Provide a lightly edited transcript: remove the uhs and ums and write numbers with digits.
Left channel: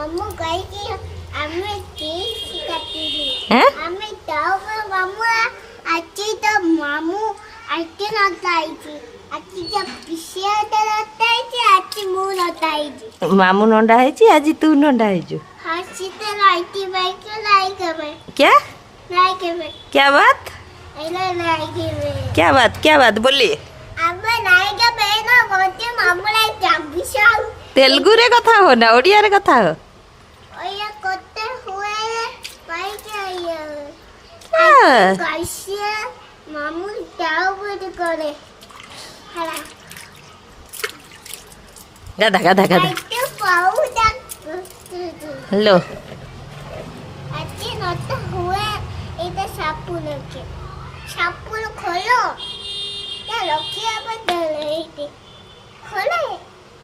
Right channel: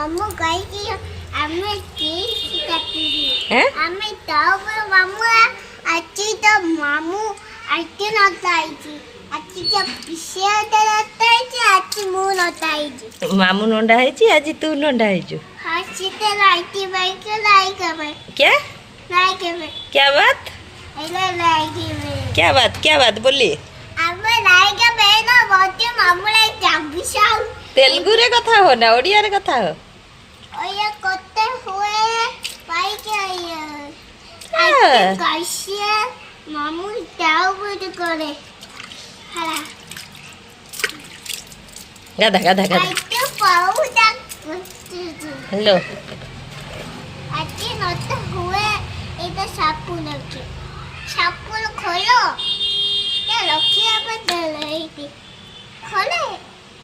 মামু গাইছি আমি কেক কাটিনি হ্যাঁ আমি তারপর মামু আজকে তো মামু আজকে নটাইছি আজকে যে পিসিয়াটা নটাইছি আজকে মু নটাইছি ମାମୁଁ ନଣ୍ଡା ହେଇଛି ଆଜି ତୁ ନଣ୍ଡା ହେଇଛୁ হাসিতে লাইটি বাইকে লাইকাবে क्या লাইকাবে क्या बात এলা লাইকাবে क्या बात बोलिए আমরা লাইকাবে না বলতে মামু লাই জাগিসাল তেলুগুরে কথা হো না ওড়িয়ারে কথা হো ওয়া করতে হুয়ে বাইকে আইয়া হ্যাঁ। গাইসিয়া মামু তাও বড় করে হালা গাধা গাধা গাধা আইতে পাউ ডাক লো আজকে নটা হুয়ে এটা সাপুনকে সাপুন খোলো ya lo quiero de leite খোলে